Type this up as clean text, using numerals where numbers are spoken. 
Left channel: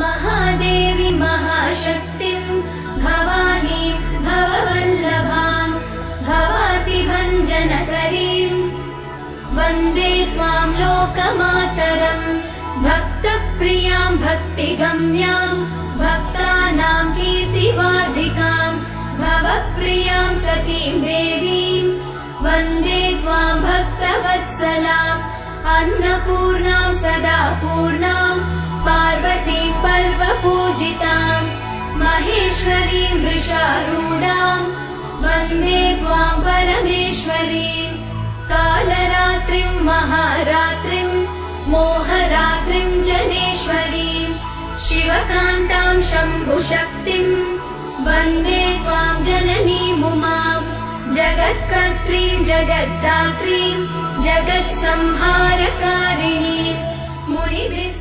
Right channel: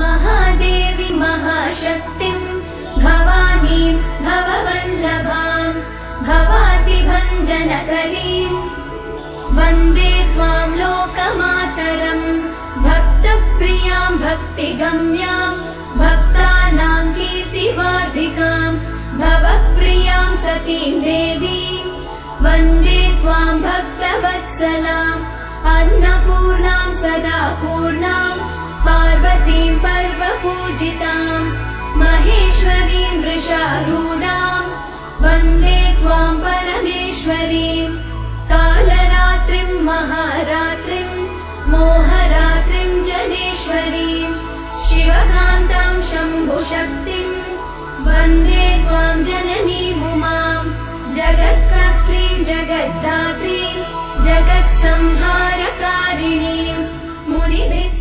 महादेवी महाशक्तिम् भवानीं भववल्लभाम् भवातिभञ्जनकरीम् वन्दे त्वां लोकमातरम् भक्तप्रियां भक्तिगम्यां भक्तानां कीर्तिवार्धिकां भवप्रियां सतीं देवीं वन्दे त्वां भक्तवत्सलाम् अन्नपूर्णां सदा पूर्णां पार्वतीं पर्वपूजितां महेश्वरीं वृषारूढां वन्दे त्वां परमेश्वरीं कालरात्रिं महारात्रिं मोहरात्रिं जनेश्वरीं शिवकान्तां शम्भुशक्तिं वन्दे त्वां जननीमुमां जगत्कर्त्रीं जगद्धात्रीं जगत्संहारकारिणीं मुनिभिः